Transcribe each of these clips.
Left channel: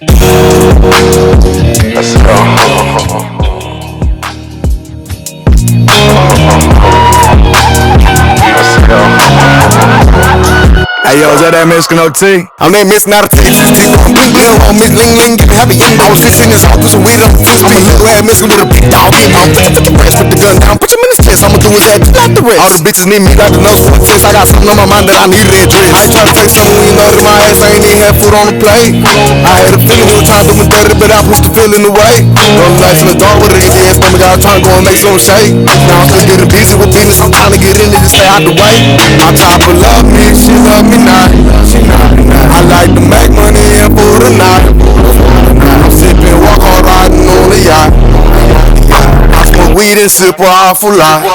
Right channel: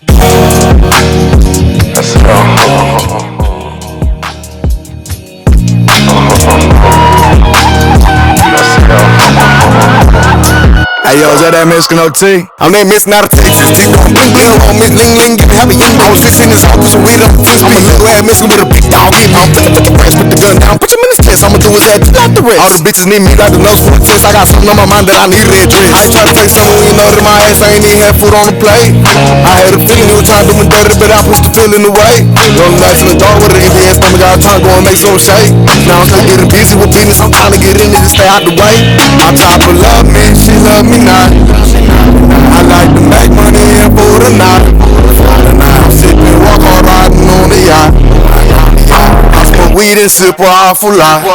That's it all. Hey yo, is that Escalade T? I'm that Miss not a Texas. T going bling bling on Miss Ling Ling, give me happy young. I was 16 years old, threw some weed on the 10 speed. I'm a little ass Mexican with a big dog in me. I'm finna put the rest, put the gun down, put him in his chest. I'ma do his head just like the rest. All the bitches need me like the nose for a test. I got something on my mind that I need to address. I ain't tryna take something when you know that my ass ain't even had food on the plate. I had a feeling you were trying to do me dirty, but I pushed the feeling away. Rolling nights in the dark with an empty ass stomach, I was trying to go and make some shake. Now I'm still getting busy with business, I'm trying to get in it to stay out the way. My chopper love me, she love me not. I like to make money and for the night. I'm sipping, walk hard, riding on the yacht. I smoke weed and sip an awful lot.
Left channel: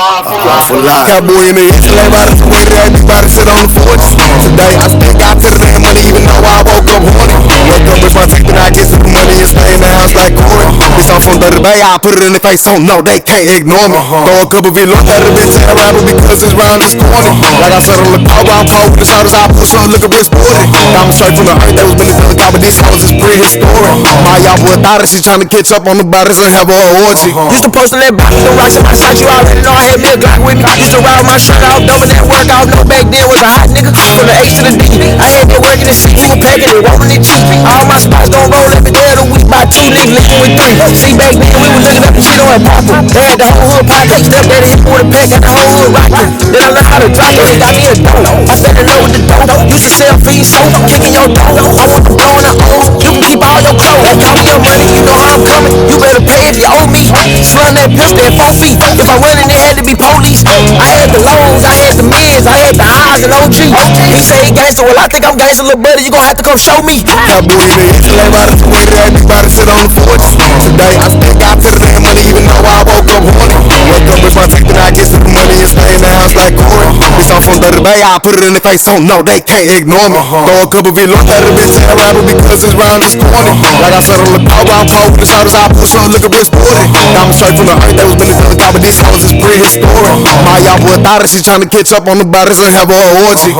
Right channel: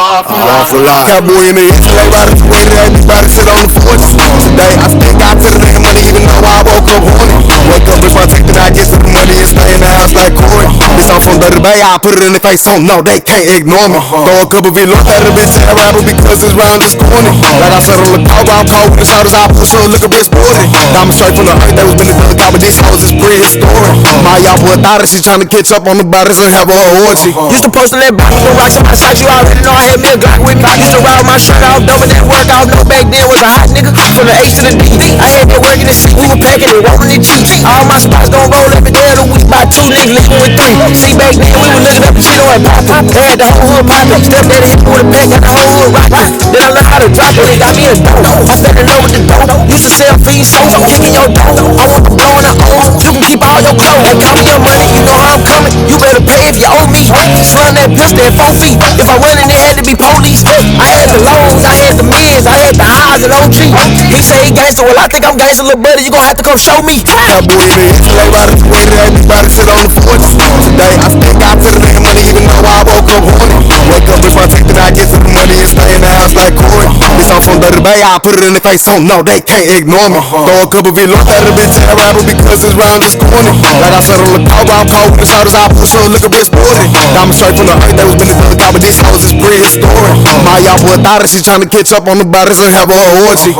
Cowboy in the Escalade, riding to where everybody sit on the porch. Today I still got to the damn money, even though I woke up horny. Wake up, brush my teeth, and I get to the money and stay in the house like Corey. Bitch, I'm from Dirty Bay, I put it in the face, so no, they can't ignore me. Throw a couple V-Lord at a bitch and rapper because this round is corny. Like I said on the call, I'm cold with the shoulders, I push her, look a bit sporty. Diamond straight from the earth, that was been done, but this house is prehistoric. My y'all boy thought that she trying to catch up on the bodies and have a orgy. Used to post on that block with the rocks in my socks, you already know I had me a Glock with me. Used to ride my shirt off, dumping that work off, no back then was a hot nigga. From the H to the D, I had that work in the seat, we were packing and rolling the G. All my spots gon' roll every day of the week by 2 niggas living with 3. See back then we were looking up the shit on and poppin'. They had the whole hood poppin', step daddy hit me with a pack, got the whole hood rockin'. Then I learned how to drop it, they got me a dope. I fell in love with the dope, used to sell fees, so kicking your dough. I want them blowing the O's, you can keep all your clothes. They call me your money, you know how I'm coming, you better pay if you owe me. Slung that pistol at 4 feet, if I run in it had to be police. I had the lows, I had the mids, I had the highs and OG. He say he gangster, well I think I'm gangster, little buddy, you gon' have to come show me. Cowboy in the Escalade, riding to where everybody sit on the porch. Today I still got to the damn money, even though I woke up horny. Wake up, brush my teeth, and I get to the money and stay in the house like Corey. Bitch, I'm from Dirty Bay, I put it in the face, so no, they can't ignore me. Throw a couple V-Lord at a bitch and rapper because this round is corny. Like I said on the call, I'm cold with the shoulders, I push her, look a bit sporty. Diamond straight from the earth, that was been done, but this house is prehistoric. My y'all boy thought that she trying to catch up on the bodies and have a orgy.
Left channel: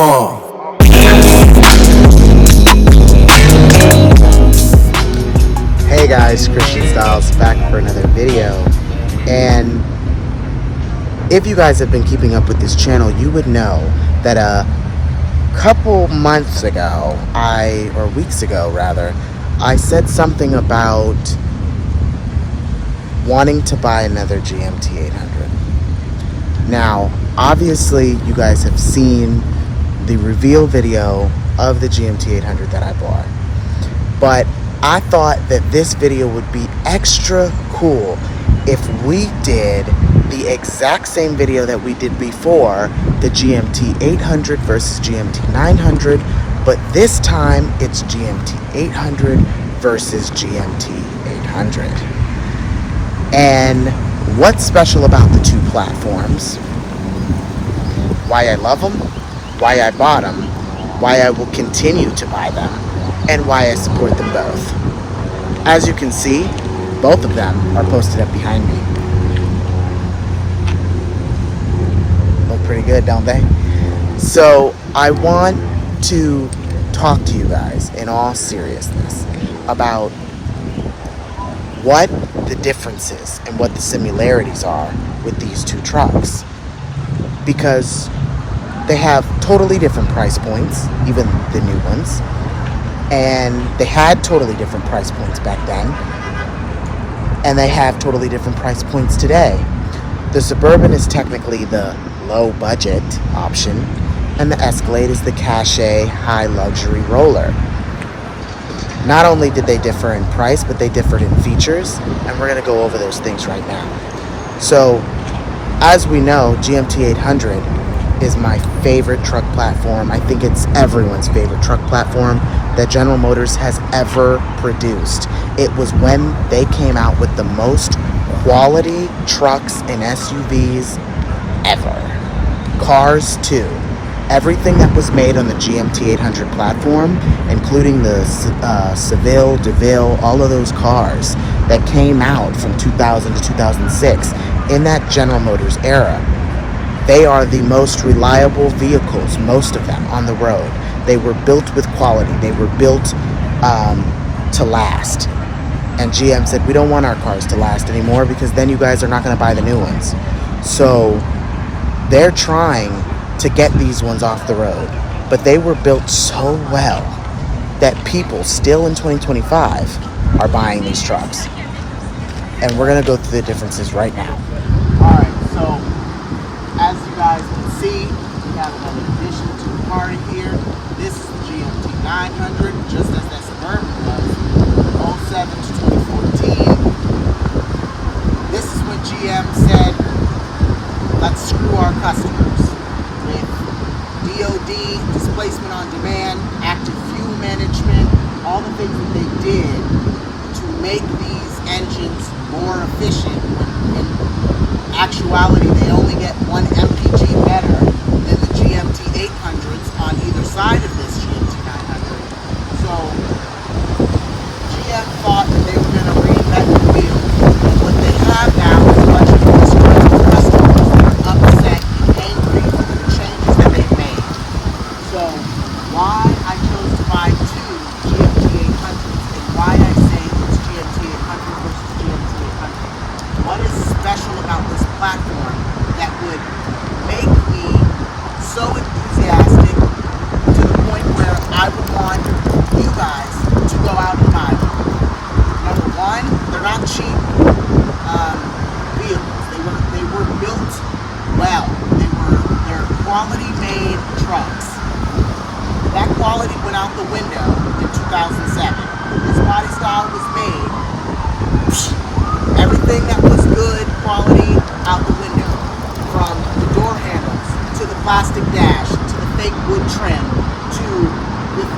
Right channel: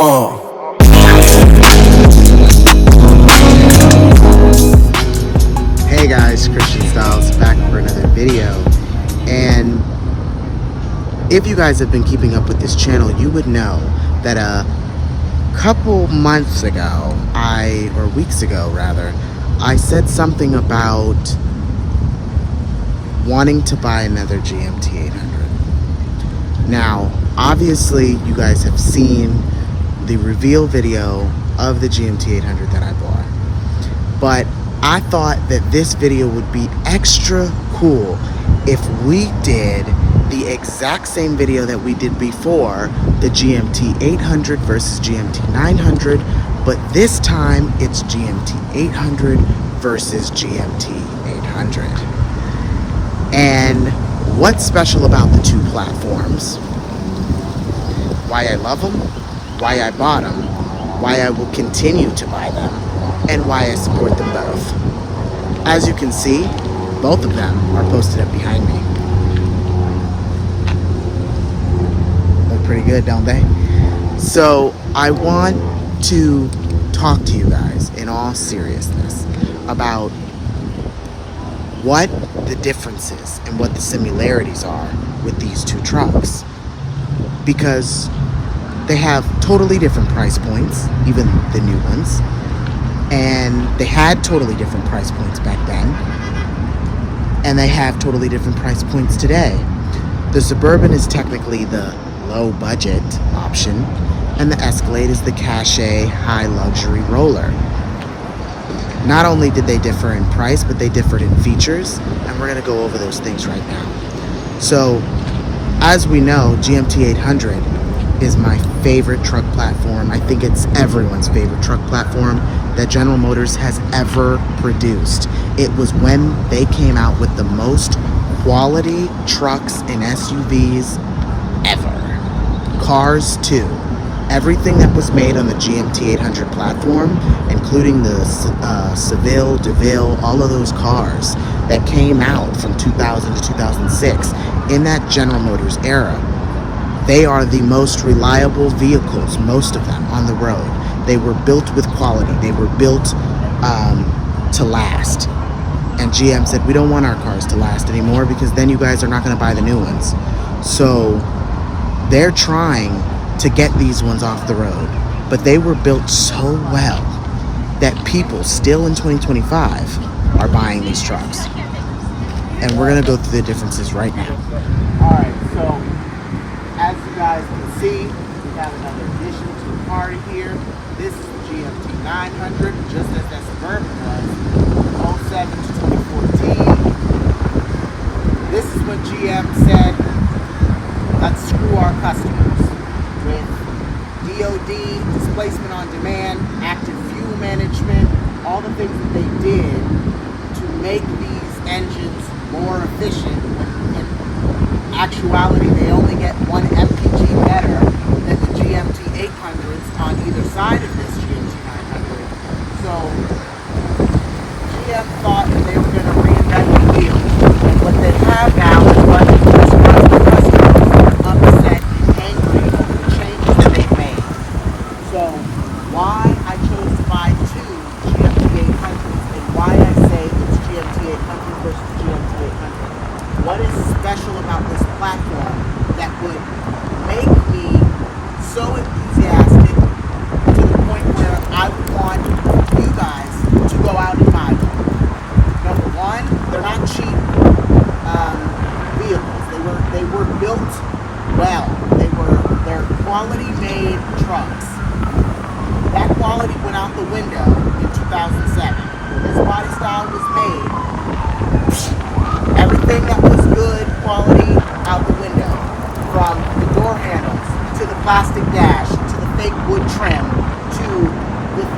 Hey guys, Christian Styles back for another video. And if you guys have been keeping up with this channel, you would know that a couple months ago, or weeks ago rather, I said something about wanting to buy another GMT800. Now, obviously you guys have seen the reveal video of the GMT800 that I bought, but I thought that this video would be extra cool if we did the exact same video that we did before, the GMT800 versus GMT900, but this time it's GMT800 versus GMT800. And what's special about the two platforms, why I love them, why I bought them, why I will continue to buy them, and why I support them both. As you can see, both of them are posted up behind me. Look pretty good, don't they? So I want to talk to you guys in all seriousness about what the differences and what the similarities are with these two trucks, because they have totally different price points, even the new ones, and they had totally different price points back then, and they have totally different price points today. The Suburban is technically the low budget option, and the Escalade is the cachet high luxury roller. Not only did they differ in price, but they differed in features, and we're going to go over those things right now. So, as we know, GMT800 is my favorite truck platform. I think it's everyone's favorite truck platform that General Motors has ever produced. It was when they came out with the most quality trucks and SUVs ever. Cars too. Everything that was made on the GMT800 platform, including the Seville, DeVille, all of those cars that came out from 2000 to 2006 in that General Motors era, they are the most reliable vehicles, most of them, on the road. They were built with quality. They were built to last. And GM said, we don't want our cars to last anymore because then you guys are not going to buy the new ones. So they're trying to get these ones off the road. But they were built so well that people still in 2025 are buying these trucks. And we're going to go through the differences right now. All right, so as you guys can see, we have another addition to the party here. This is the GMT800, just as that Suburban was, 07 to 2014. This is what GM said, let's screw our customers with DOD, displacement on demand, active fuel management, all the things that they did to make these engines more efficient when in actuality they only get one MPG better than the GMT800s on either side of this GMT900. So GM thought that they were going to reinvent the wheel. What they have now is a bunch of disgruntled customers that are upset and angry over the changes that they've made. So why I chose to buy two GMT800s and why I say it's GMT800 versus GMT800. What is special about this platform that would make me so enthusiastic to the point where I would want you guys to go out and buy them? Number one, they're not cheap vehicles. They were built well. They're quality made trucks. That quality went out the window in 2007. When this body style was made, everything that was good quality out the window, from the door handles to the plastic dash to the fake wood trim to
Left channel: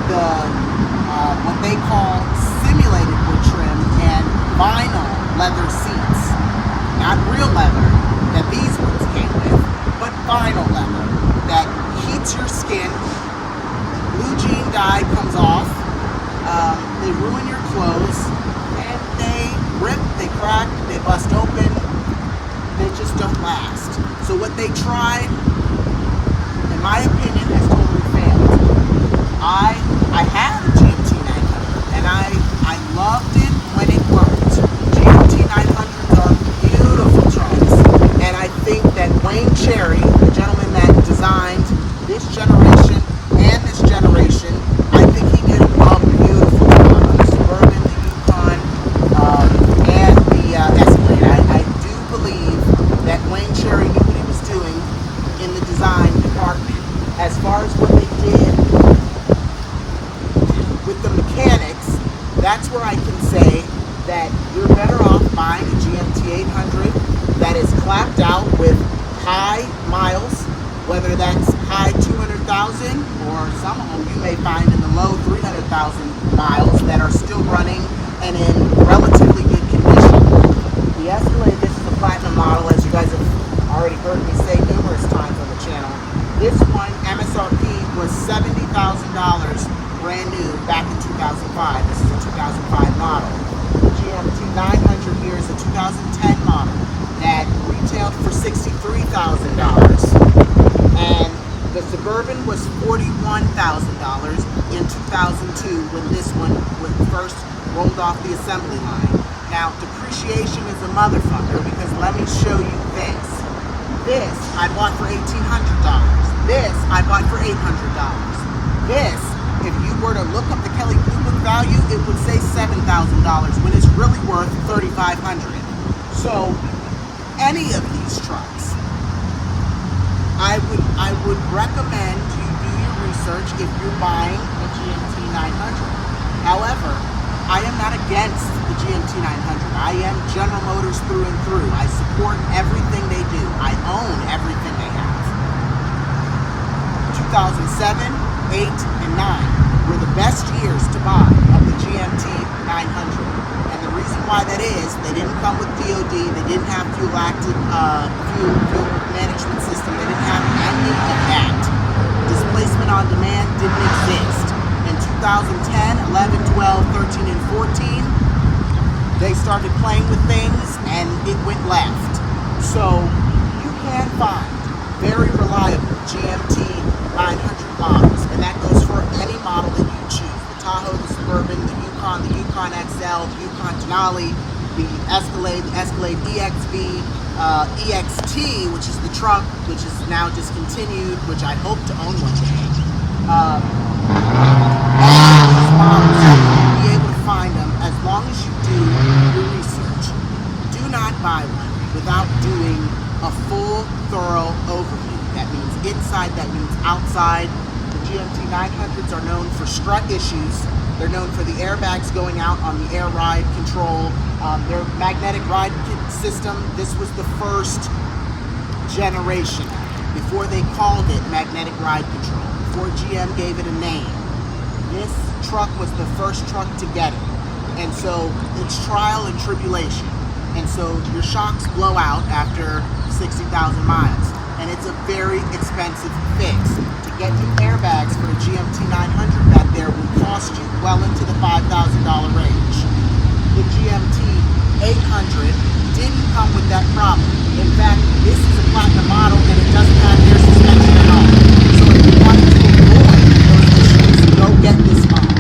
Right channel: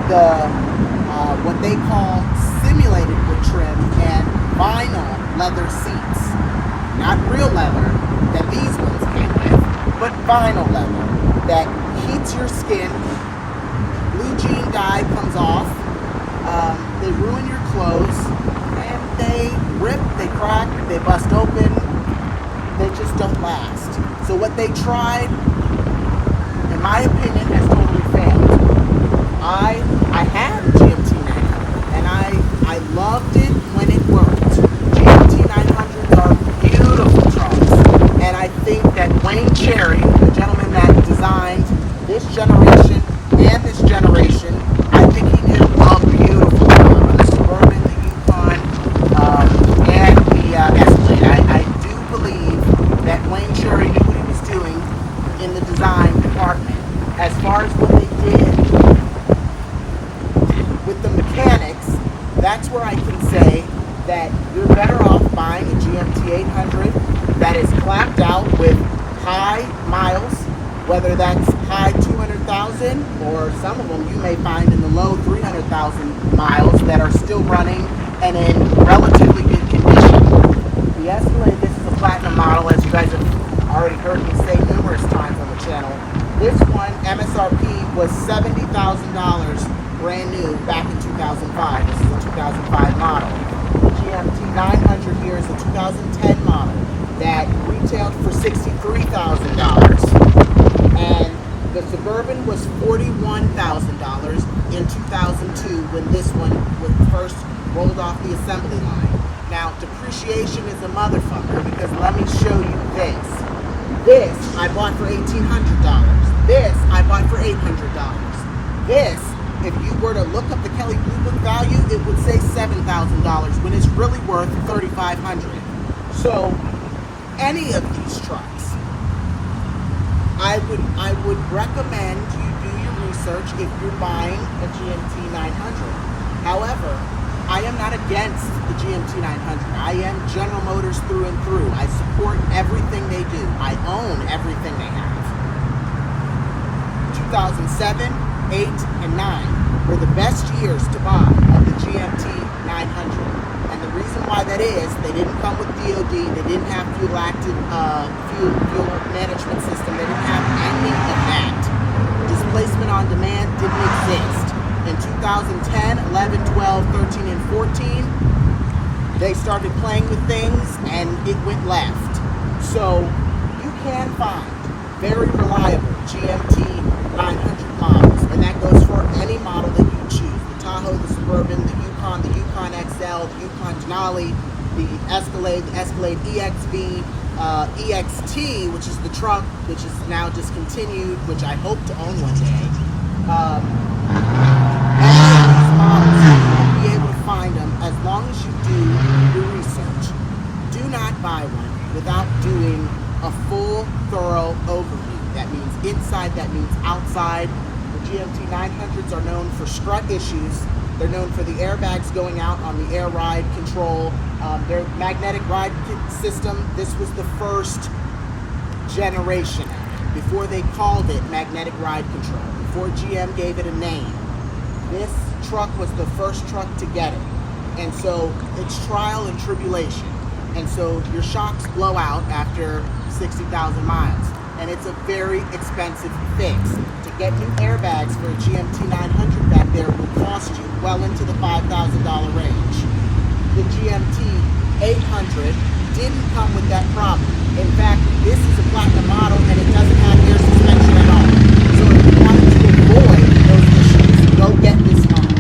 the what they call simulated wood trim and vinyl leather seats. Not real leather that these ones came with, but vinyl leather that heats your skin. Blue jean dye comes off. They ruin your clothes, and they rip, they crack, they bust open. They just don't last. So what they tried, in my opinion, has totally failed. I had a GMT900, and I loved it when it worked. GMT900s are beautiful trucks, and I think that Wayne Cherry, the gentleman that designed this generation and this generation, I think he did a beautiful job on the Suburban, the Yukon, and the Escalade. I do believe that Wayne Cherry knew what he was doing in the design department. As far as what they did with the mechanics, that's where I can say that you're better off buying a GMT800 that is clapped out with high miles, whether that's high 200,000 or some of them you may find in the low 300,000 miles that are still running and in relatively good condition. The Escalade, this is a platinum model, as you guys have already heard me say numerous times on the channel. This one, MSRP, was $70,000 brand new back in 2005. This is a 2005 model. The GMT900 here is a 2010 model that retailed for $63,000. And the Suburban was $41,000 in 2002 when this one was first rolled off the assembly line. Now, depreciation is a motherfucker because let me show you this. This I bought for $1,800. This I bought for $800. This, if you were to look up the Kelley Blue Book value, it would say $7,000 when it's really worth $3,500. So, any of these trucks, I would recommend you do your research if you're buying a GMT900. However, I am not against the GMT900. I am General Motors through and through. I support everything they do. I own everything they have. 2007, 8, and 9 were the best years to buy of the GMT900. And the reason why that is, they didn't come with DOD, they didn't have fuel management system, they didn't have any of that. Displacement on demand didn't exist. In 2010, 11, 12, 13, and 14, they started playing with things and it went left. So you can find very reliable GMT 900 models, and that goes for any model that you choose. The Tahoe, the Suburban, the Yukon, Yukon, the Yukon XL, the Yukon Denali, the Escalade EXV, EXT, which is the truck, which is now discontinued, which I hope to own one day. Any of these models, you'll be able to find them as long as you do your research. Do not buy one without doing a full, thorough overview. That means inside, that means outside. The GMT800s are known for strut issues. They're known for the airbags going out on the air ride control. Their magnetic ride system, this was the first generation of it. Before they called it magnetic ride control, before GM gave it a name. This truck was the first truck to get it. And so it's trial and tribulation. And so your shocks blow out after 60,000 miles. And it's a very expensive fix. To get new airbags for a GMT800 back there will cost you well into the $5,000 range. The GMT800 didn't come with that problem. In fact, this is a platinum model and it doesn't have air suspension at all. So if you wanted to avoid those issues, go get this model.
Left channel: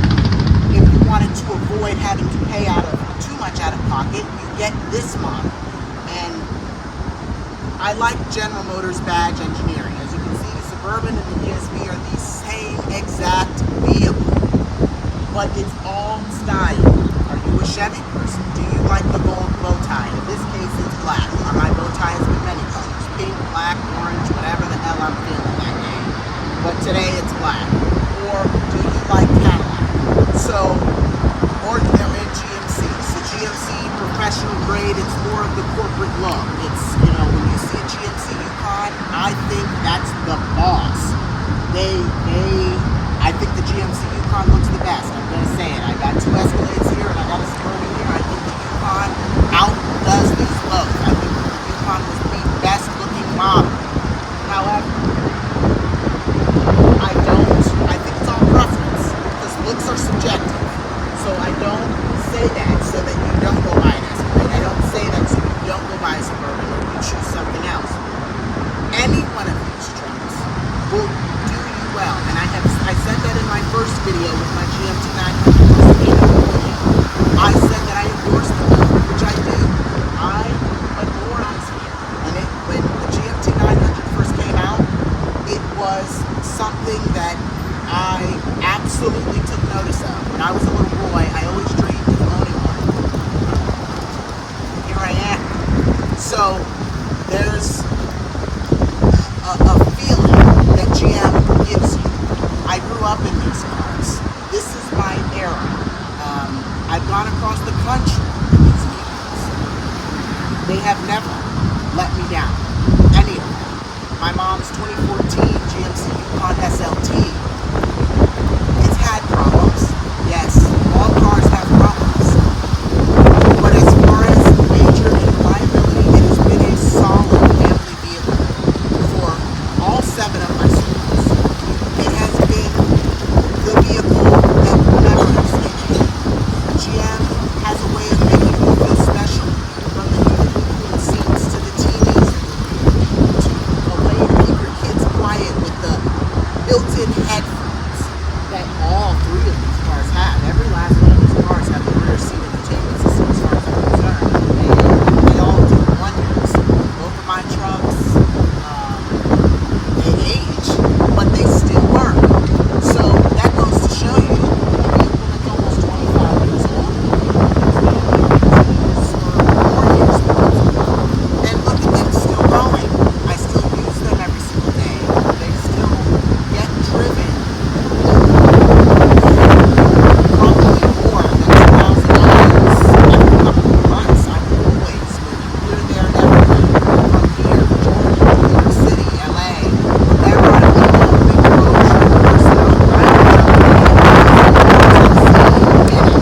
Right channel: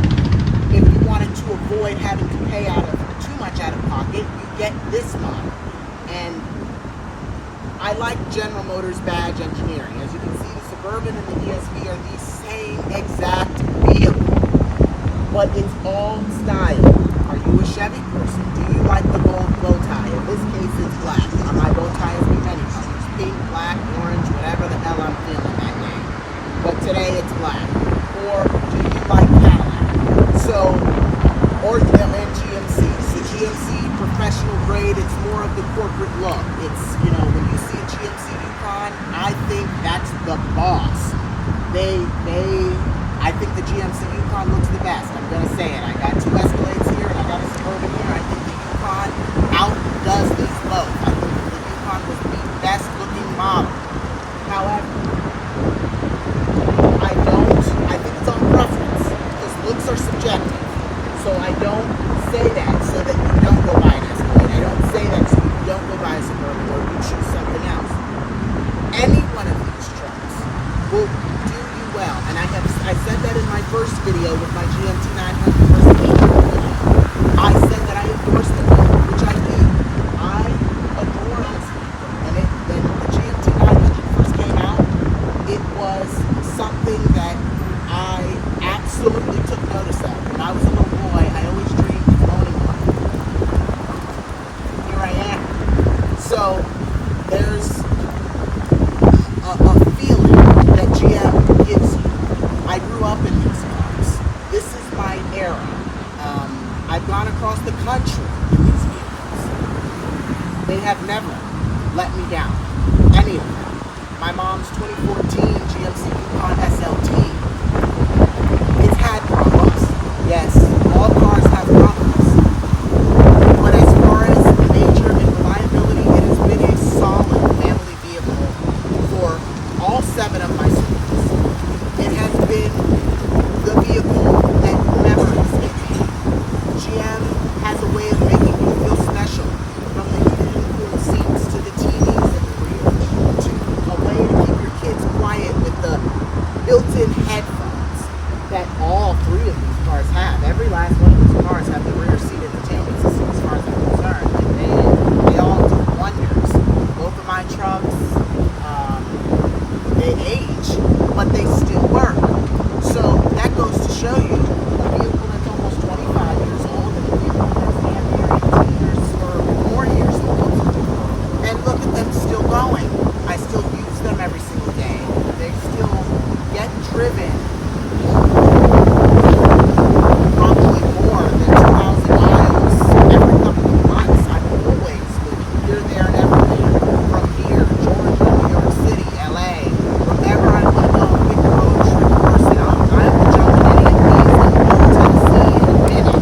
If you wanted to avoid having to pay too much out of pocket, you get this model. And I like General Motors badge engineering. As you can see, the Suburban and the ESV are the same exact vehicle, but it's all style. Are you a Chevy person? Do you like the gold bow tie? In this case, it's black. My bow tie has been many colors: pink, black, orange, whatever the hell I'm feeling that day. But today it's black. Or do you like Cadillac? Or GMC. So GMC professional grade, it's more of the corporate look. It's, when you see a GMC Yukon, I think that's the boss. I think the GMC Yukon looks the best. I'm gonna say it. I got two Escalades here and I got a Suburban here. I think the Yukon outdoes these both. I think that the Yukon was the best looking model. However, I think it's all preference, because looks are subjective. So I don't say that so that you don't go buy an Escalade. I don't say that so you don't go buy a Suburban or you choose something else. Any one of these trucks will do you well. And I said that in my first video with my GMT800 first video. I said that I endorse the model, which I do. I adore this vehicle. When the GMT800 first came out, it was something that I absolutely took notice of. When I was a little boy, I always dreamed of owning one. Here I am. So there's a feeling that GM gives you. I grew up in these cars. This is my era. I've gone across the country in these vehicles. They have never let me down. Any of them. My mom's 2014 GMC Yukon SLT. It's had problems. Yes, all cars have problems. But as far as nature and reliability, it has been a solid family vehicle for all 7 of my siblings. It has been the vehicle that never escaped me. GM has a way of making you feel special, from the heated and cooled seats to the TVs in the rear, to a way to keep your kids quiet with the built-in headphones that all 3 of these cars have. Every last one of these cars have the rear seat entertainment system as far as I'm concerned. They all do wonders. Both of my trucks, they age, but they still work. So that goes to show you a vehicle that's almost 25 years old and a vehicle that's been here 18 years or more years old. And look at them still going. I still use them every single day. They still get driven probably more than 2,000 miles every couple of months. I'm always moving here, there, and everywhere. From here to Georgia, New York City, LA, wherever I live on a big road trip person, I'm jumping in Tennessee in a minute.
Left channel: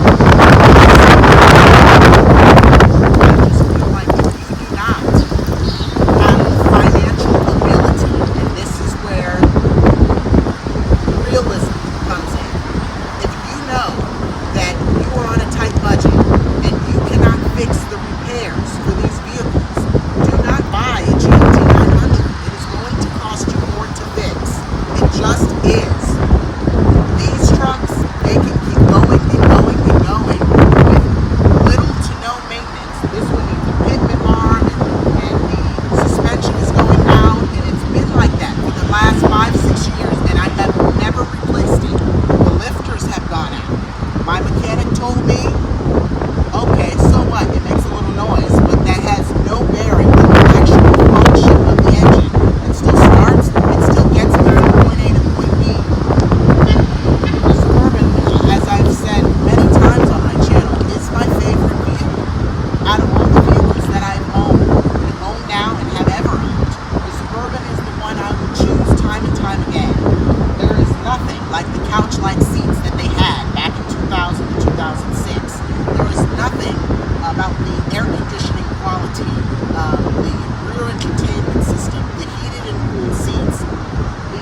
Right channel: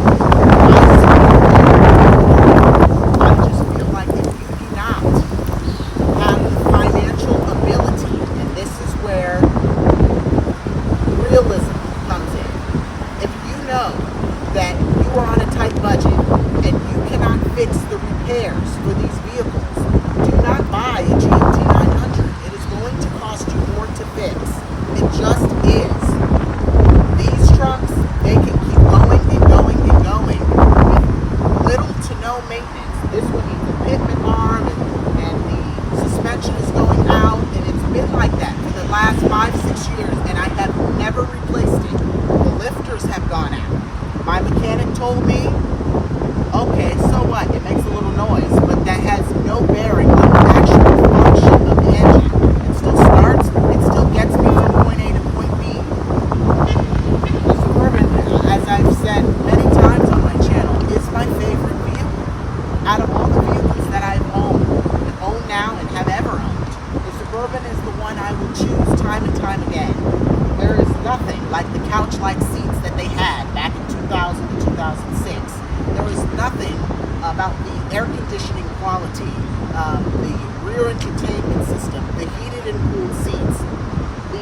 I just feel like if you do not have the financial ability, and this is where realism comes in. If you know that you are on a tight budget and you cannot fix the repairs for these vehicles, do not buy a GMT800. It is going to cost you more to fix. It just is. These trucks, they can keep going and going and going. mechanic told me, okay, so what? It makes a little noise, but that has no bearing on the actual function of the engine. It still starts, it still gets me from point A to point B. The Suburban, as I've said many times on my channel, is my favorite vehicle. Out of all the vehicles that I've owned, and own now, and have ever owned, the Suburban is the one I will choose time and time again. There is nothing like the couch-like seats that they had back in 2000 to 2006. There is nothing about the air conditioning quality, the rear entertainment system, the heated and cooled seats, the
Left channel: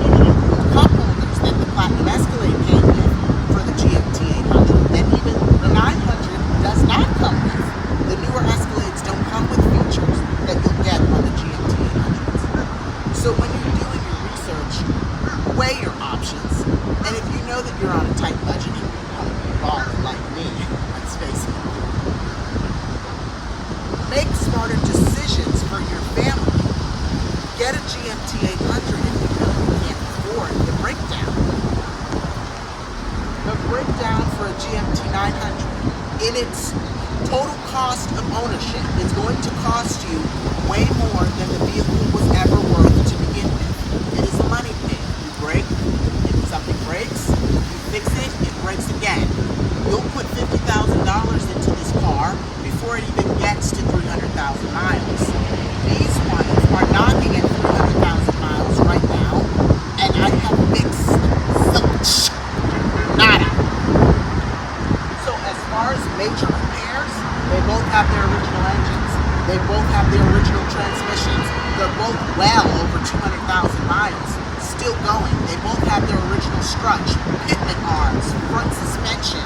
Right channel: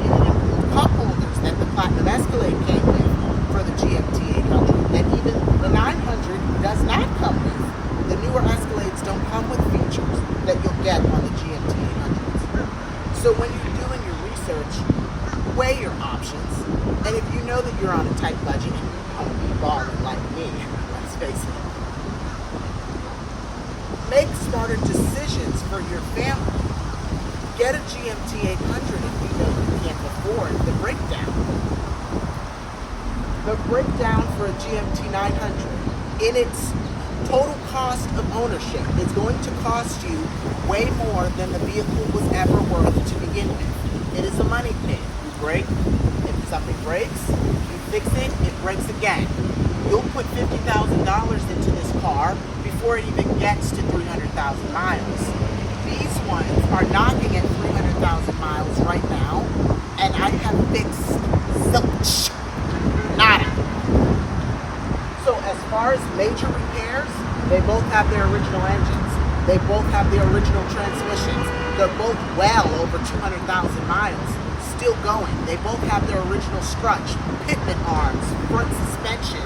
heated and cooled cup holders that the Platinum Escalade came with for the GMT800 that even the 900 does not come with. The newer Escalades don't come with features that you'll get on the GMT800s. So when you're doing your research, weigh your options, and if you know that you're on a tight budget and you want to be balling like me, let's face it, make smarter decisions for your family. Get a GMT800 if you know you can't afford the breakdown. The breakdown for a GMT900 in its total cost of ownership is going to cost you way more than the vehicle was ever worth to begin with. It is a money pit. You break, if something breaks, you fix it, it breaks again. You'll put $50,000 into this car before it even gets to 300,000 miles. These ones are knocking at 300,000 miles right now, and I have fixed zilch. Nada. So as far as major repairs, they both have their original engines. They both have their original transmissions. They're both well over 200,000 miles, still going. They both have their original strut, pitman arms, front suspensions,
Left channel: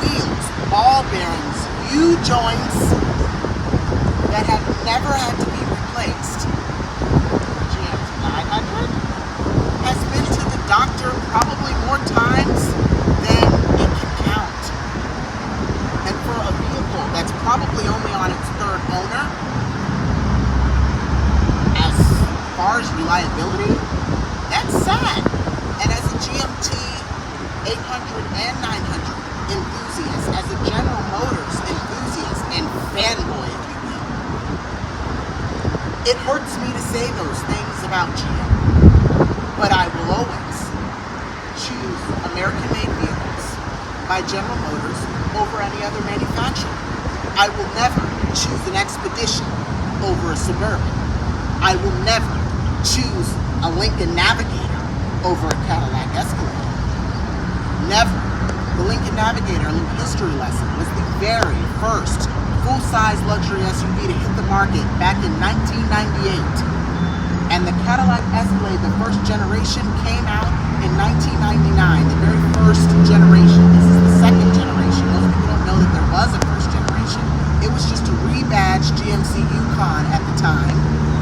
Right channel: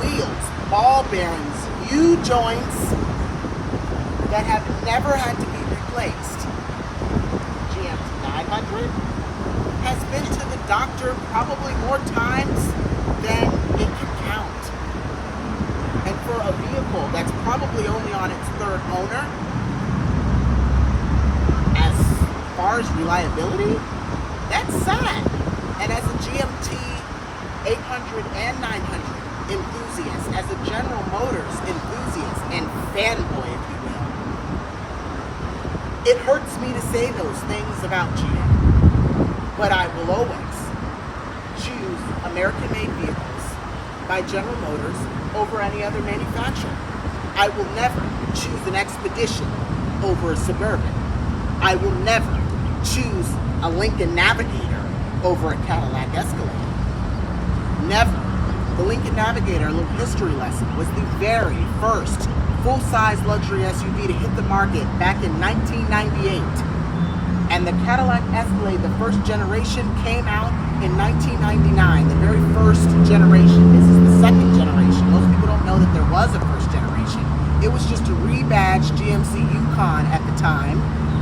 wheels, ball bearings, U-joints that have never had to be replaced. GMT900 has been to the doctor probably more times than it can count. And for a vehicle that's probably only on its third owner, as far as reliability, that's sad. And as a GMT 800 and 900 enthusiast, as a General Motors enthusiast and fanboy, if you will, it hurts me to say those things about GM, but I will always choose American-made vehicles by General Motors over any other manufacturer. I will never choose an Expedition over a Suburban. I will never choose a Lincoln Navigator over a Cadillac Escalade. Never. The Lincoln Navigator, a little history lesson, was the very first full-size luxury SUV to hit the market back in 1998. And the Cadillac Escalade, the first generation, came out in 1999, the very first generation. This is the second generation. Most people don't know that there was a first generation. It was just a rebadged GMC Yukon at the time,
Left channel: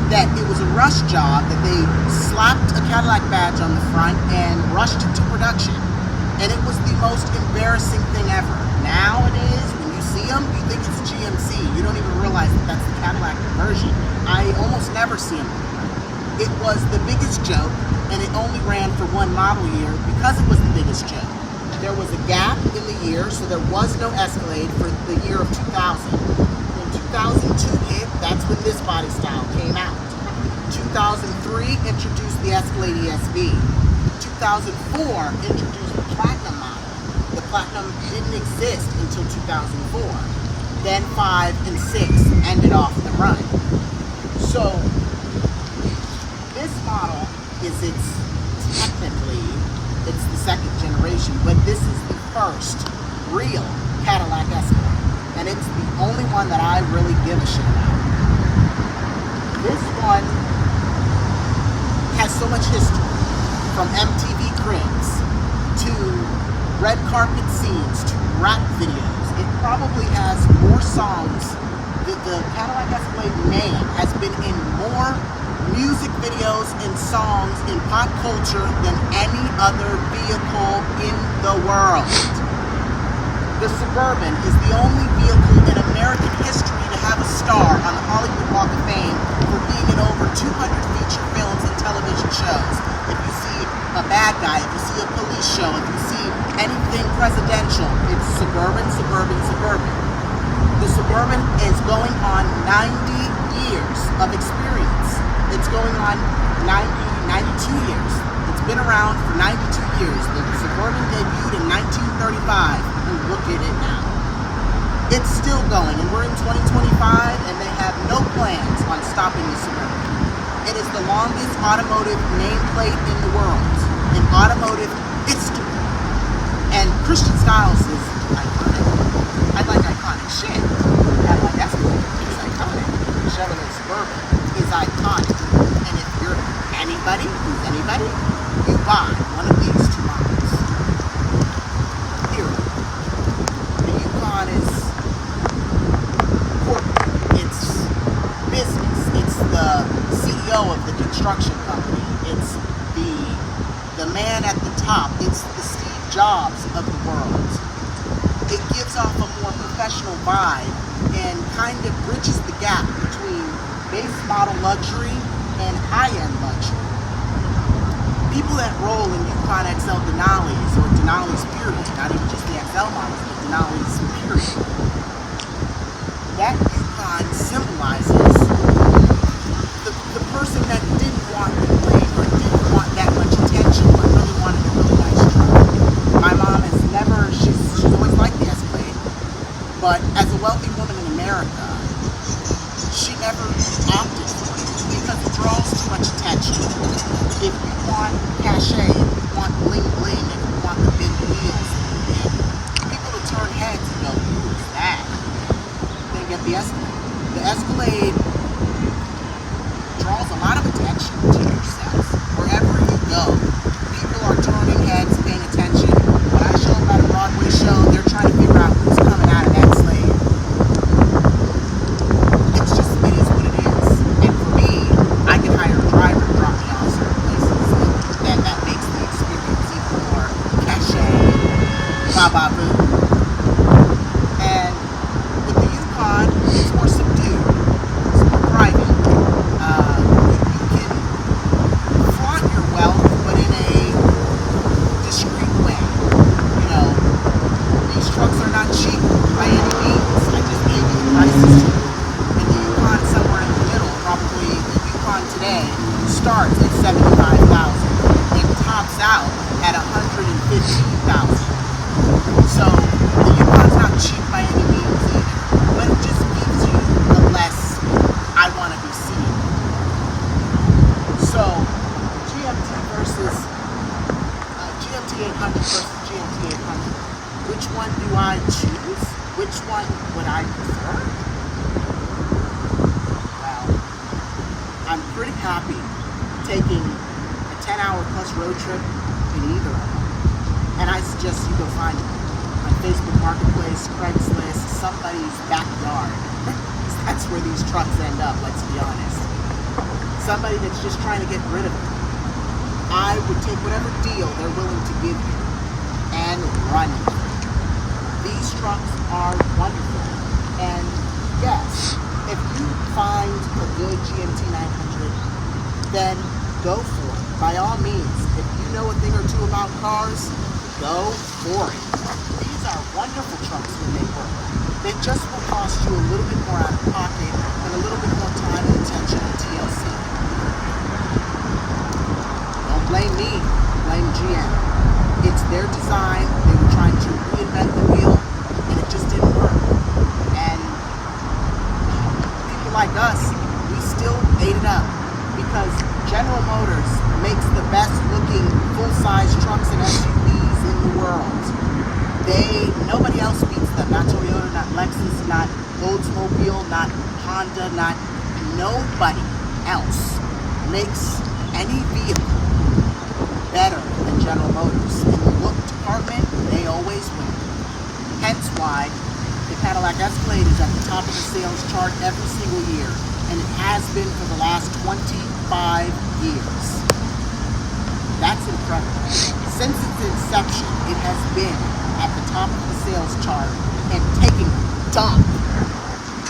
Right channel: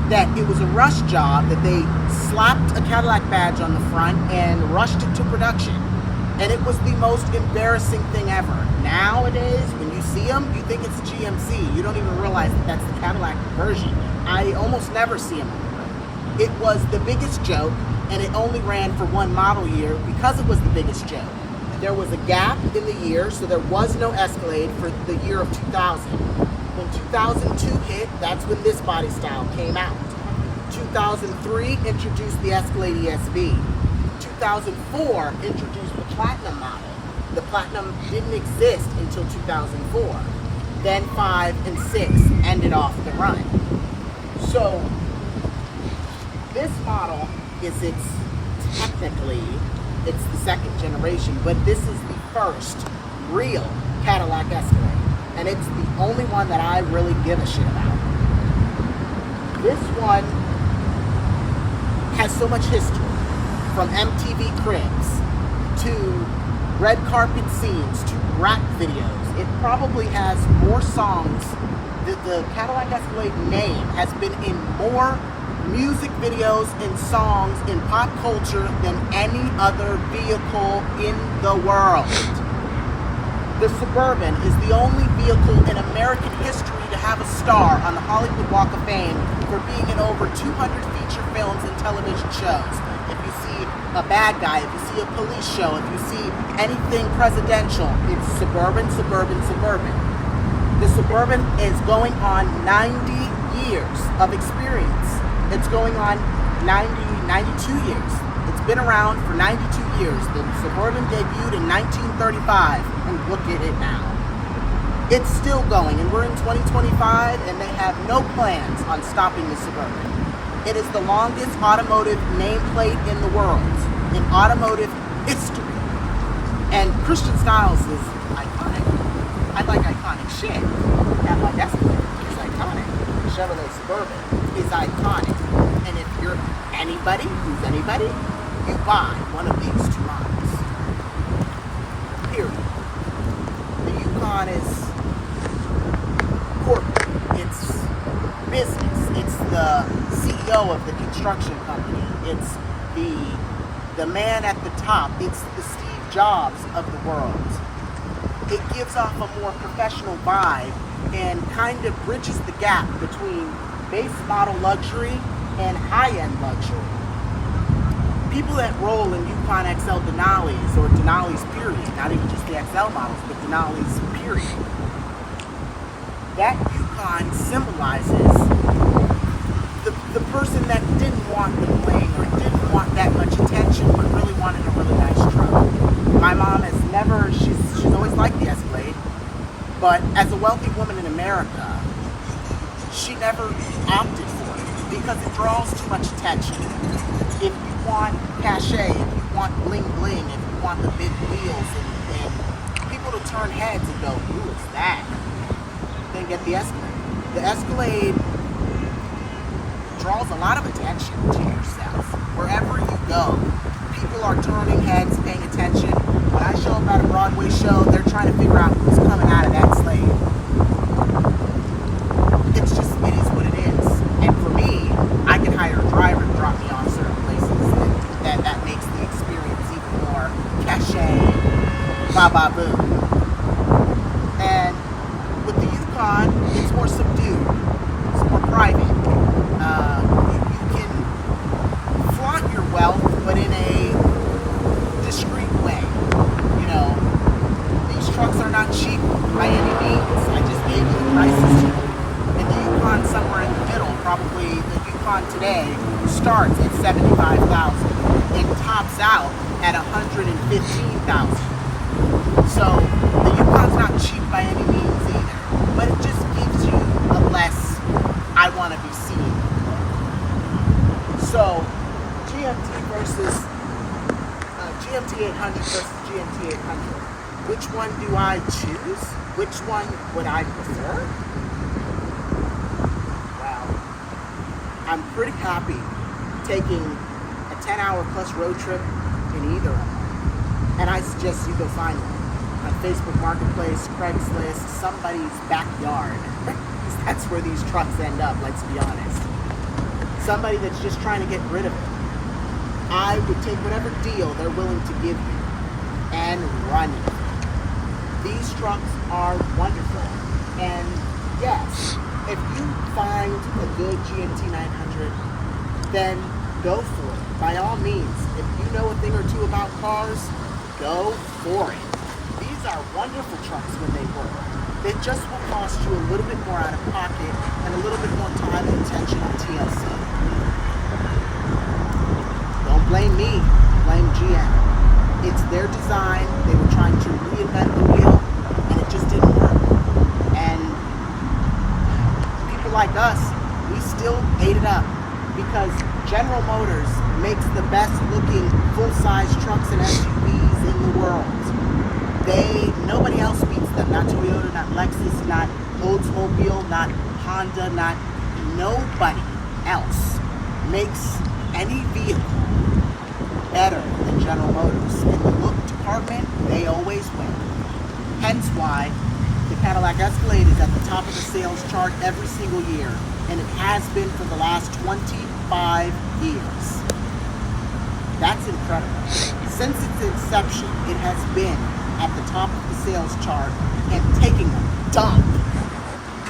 that it was a rush job, that they slapped a Cadillac badge on the front and rushed it to production. And it was the most embarrassing thing ever. Nowadays, when you see them, you think it's a GMC. You don't even realize that that's the Cadillac version. I almost never see them on the road. It was the biggest joke, and it only ran for one model year because it was the biggest joke. There was a gap in the year, so there was no Escalade for the year of 2000. When 2002 hit, that's when this body style came out. 2003 introduced the Escalade ESV. 2004 introduced the Platinum model. The Platinum didn't exist until 2004. Then 5 and 6 ended off the run. So this model is technically it's the second generation, but this is the first real Cadillac Escalade. And it's the only one that I really give a shit about. This one has so much history, from MTV Cribs to red carpet scenes to rap videos. It probably has more songs. The Cadillac Escalade name has been in more music videos and songs in pop culture than any other vehicle in the world. The Suburban is the only vehicle in American history to have a star on the Hollywood Walk of Fame for being in over 200 feature films and television shows. If you see a bad guy, if you see a police show, if you see anything presidential, it's Suburban, Suburban, Suburban. The Suburban is going on 90 years of experience. It's going on 92 years. It's been around for 92 years. The Suburban debuted in 1935, and look at it now. It's still going, and we're in 2025, and they have no plans on stopping the Suburban. It is the longest automotive nameplate in the world, in automotive history. And Christian Styles is iconic. I like iconic shit. Cadillac Escalade is iconic. Chevrolet Suburban is iconic. And if you're anybody who's anybody, you buy one of these two models. Period. The Yukon is corporate. It's business. It's the CEO of the construction company. It's the man at the top. It's the Steve Jobs of the world. It gives off a more professional vibe and kind of bridges the gap between base model luxury and high-end luxury. People that roll in Yukon XL Denali's or Denali's period, not even just the XL models, but Denali's period, that Yukon symbolizes the person that didn't want the bling or didn't want that much attention but really wanted a really nice truck. My mom has never, she's always liked the Escalade, but as a wealthy woman in America, she never opted for it because it draws too much attention. If you want cachet, if you want bling bling, if you want the big wheels and people to turn heads and go, who is that? Then get the Escalade. The Escalade draws a lot of attention to yourself. Wherever you go, people are turning heads, paying attention. When I show up at a Broadway show, they're trying to figure out who's coming out of that slave. It's just, it is what it is. And for me, I can hire a driver to drop me off certain places. And that makes the experience even more cachet and ba-ba-boom. And with the Yukon, it's more subdued. It's more private. You can flaunt your wealth, but in a discreet way. You know, these trucks are not cheap by any means. I just gave you the prices. And the Yukon somewhere in the middle, probably the Yukon today starts at $75,000. It tops out at $115,000. So the Yukon's not cheap by any means either, but it just gives you the less I want to be seen. So GMT800 versus GMT800. Which one do I choose? Which one would I prefer? Well, I'm pretty happy taking a 10-hour plus road trip in either of them. And I suggest you go find them on Facebook Marketplace, Craigslist, somebody's backyard. That's where these trucks end up, let's be honest. Somebody that's just trying to get rid of it. I would take whatever deal they're willing to give you and run with it. These trucks are wonderful. And yes, if you find a good GMT900, then go for it. By all means, if you know a thing or two about cars, go for it. These are wonderful trucks when they work. They just will cost you a little bit more out of pocket and a little bit more time and attention and TLC. Don't blame me, blame GM. It's their design. They were trying to reinvent the wheel, and it just didn't work. And people like us, we still ate it up because General Motors makes the best looking full-size trucks and SUVs in the world. Nobody else beats them. Not Toyota, not Lexus, not Oldsmobile, not Honda, not nobody else makes any vehicle better than General Motors. In the look department, they always win. Hence why the Cadillac Escalade is at the top of the sales chart every single year, and it has been for the last 25 years. That's incredible. Since its inception, it has been at the top of the sales chart and taking a dump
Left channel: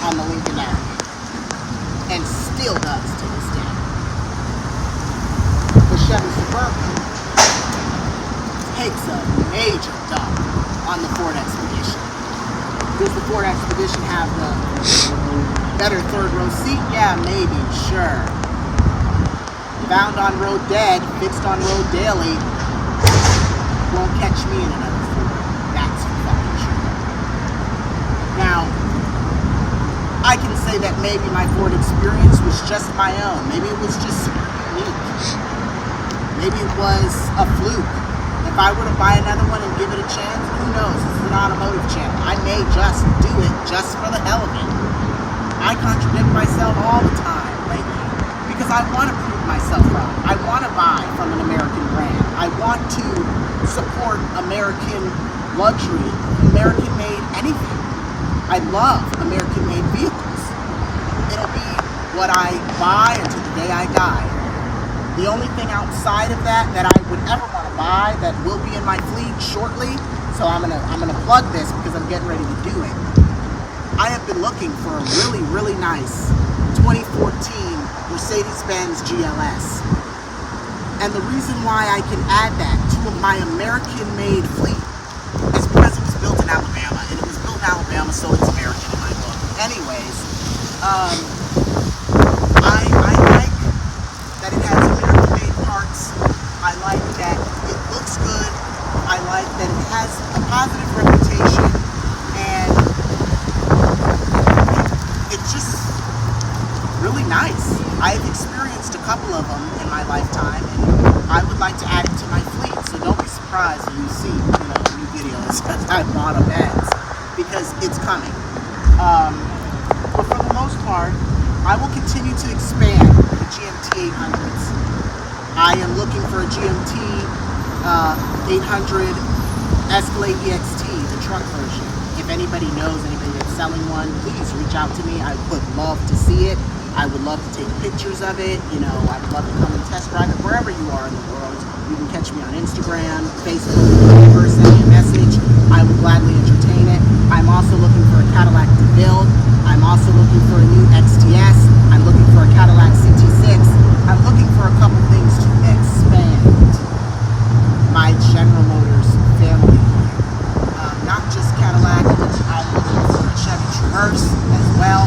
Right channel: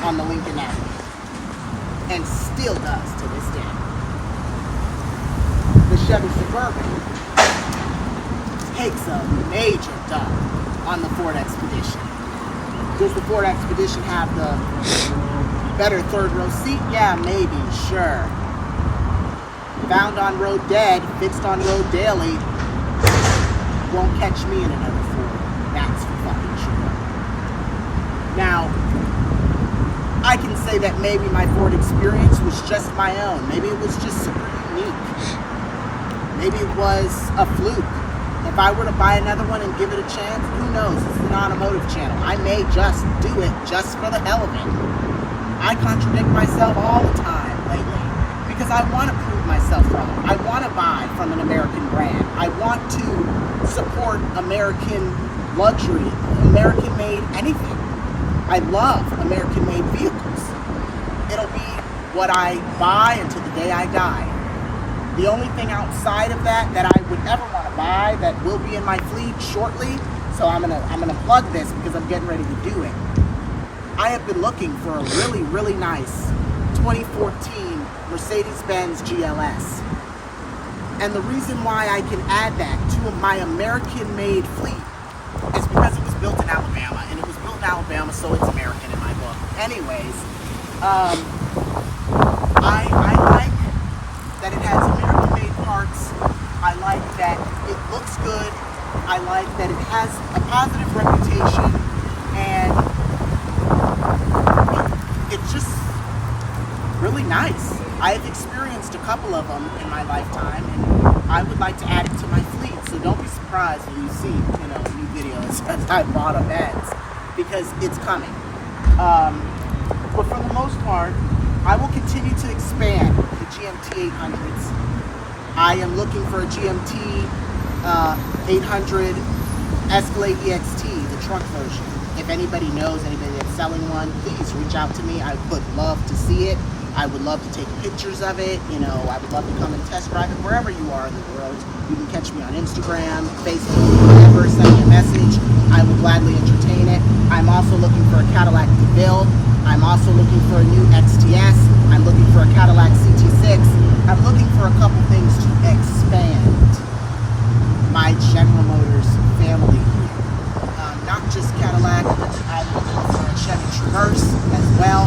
on the Lincoln Avenue, and still does to this day. The Chevy Suburban takes a major dump on the Ford Expedition. Does the Ford Expedition have the better third row seat? Yeah, maybe, sure. Found on road dead, fixed on road daily. Won't catch me in another Ford. That's for fucking sure. Now, I can say that maybe my Ford experience was just my own. Maybe it was just super unique. Maybe it was a fluke. If I were to buy another one and give it a chance, who knows? This is an automotive channel. I may just do it just for the hell of it. I contradict myself all the time lately because I want to prove myself wrong. I want to buy from an American brand. I want to support American luxury, American-made anything. I love American-made vehicles. It'll be what I buy until the day I die. The only thing outside of that I would ever want to buy that will be in my fleet shortly, so I'm gonna plug this because I'm getting ready to do it. I have been looking for a really, really nice 2014 Mercedes-Benz GLS. And the reason why I can add that to my American-made fleet is because it was built in Alabama, and it was built in Alabama, so it's American in my book. Anyways, I like that it has American-made parts. I like that it looks good. I like that it has a positive reputation, and it's just really nice. I've experienced a couple of them in my lifetime, and I would like to add it to my fleet. So don't be surprised when you see, a new video that says I bought a Benz, because it's coming. But for the most part, I will continue to expand the GMT800s. I am looking for a GMT 800 Escalade EXT, the truck version. If anybody knows anybody that's selling one, please reach out to me. I would love to see it. I would love to take pictures of it. I would love to come and test drive it wherever you are in the world. You can catch me on Instagram, Facebook, whatever. Send me a message. I will gladly entertain it. I'm also looking for a Cadillac DeVille. I'm also looking for a new XTS. I'm looking for a Cadillac CT6. I'm looking for a couple things to expand my General Motors family here. Not just Cadillac. I'm looking for a Chevy Traverse as well.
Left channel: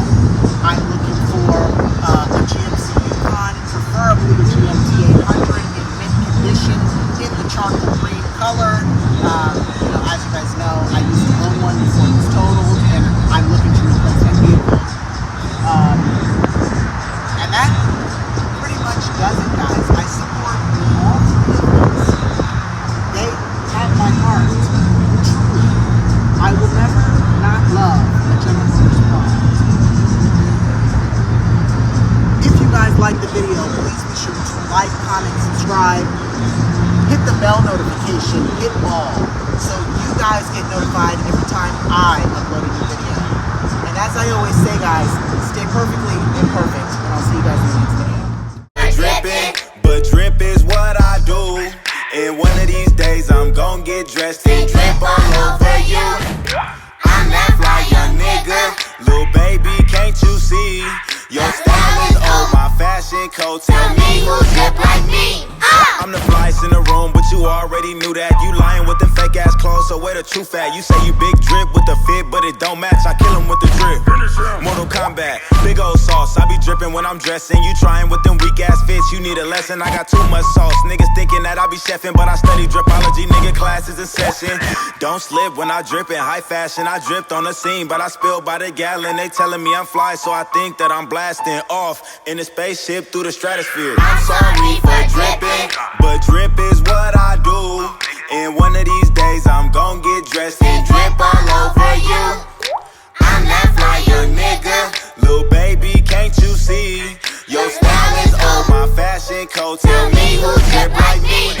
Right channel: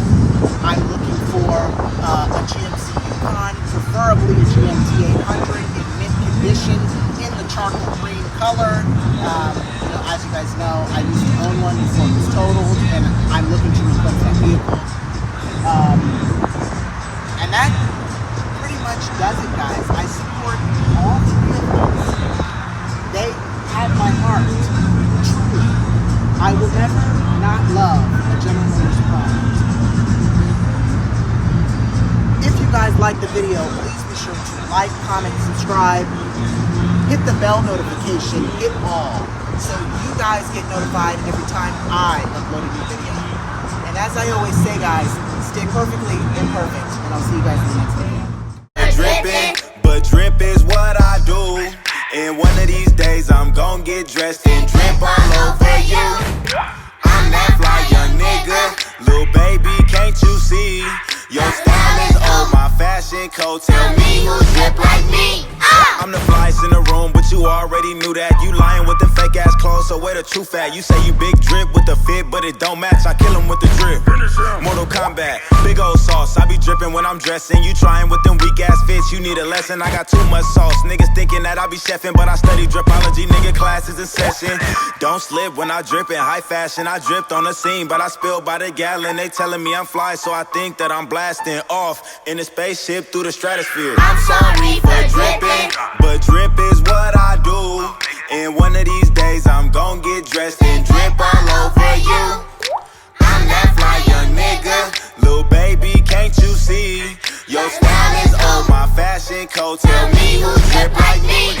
I'm looking for a GMC Yukon, preferably a GMT800 in mint condition, in the charcoal green color. As you guys know, I used to own one before it was totaled, and I'm looking to replace that vehicle. And that pretty much does it, guys. I support all three of these. They have my heart, truly. I will never not love a General Motors product. If you guys like the video, please be sure to like, comment, subscribe, hit the bell notification, hit all, so you guys get notified every time I upload a new video. And as I always say, guys, stay perfectly imperfect, and I'll see you guys in the next video. Drippin', but drip is what I do. And one of these days I'm gon' get dressed and drip all over you. I'm that fly young nigga, little baby, can't you see? Your style is old, my fashion code, tell me who drip like me. I'm the flyest in the room, but you already knew that. You lying with the fake ass clothes, so where the truth at? You say you big drip with the fit, but it don't match. I kill him with the drip. Mortal Kombat, big old sauce. I be dripping when I'm dressing. You trying with them weak ass fits, you need a lesson. I got too much sauce. Niggas thinking that I be chefing, but I study dripology. Nigga, classes in session. Don't slip when I drip in high fashion. I dripped on the scene, but I spilled by the gallon. They telling me I'm fly, so I think that I'm blasting off in a spaceship through the stratosphere. I'm sorry for dripping, but drip is what I do. And one of these days I'm gon' get dressed and drip all over you. I'm that fly young nigga, little baby, can't you see? Your style is old, my fashion code, tell me who drip like me.